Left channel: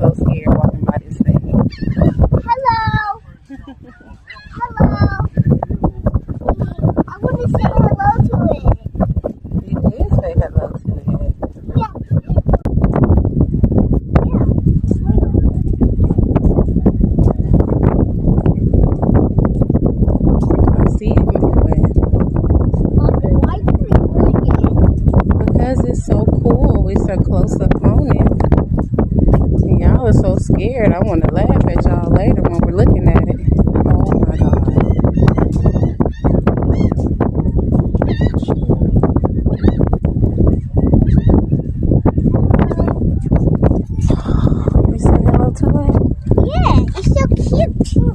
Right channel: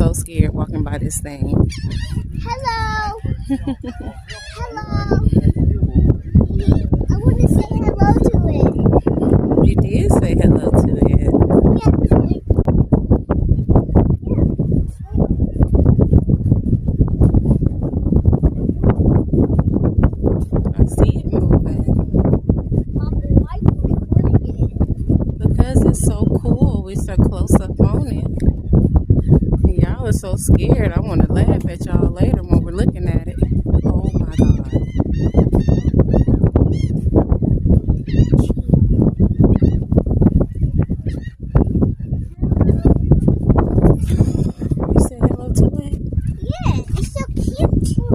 so scared walking by this thing. Hello. Hello. I want to say hello to it. You did say hello to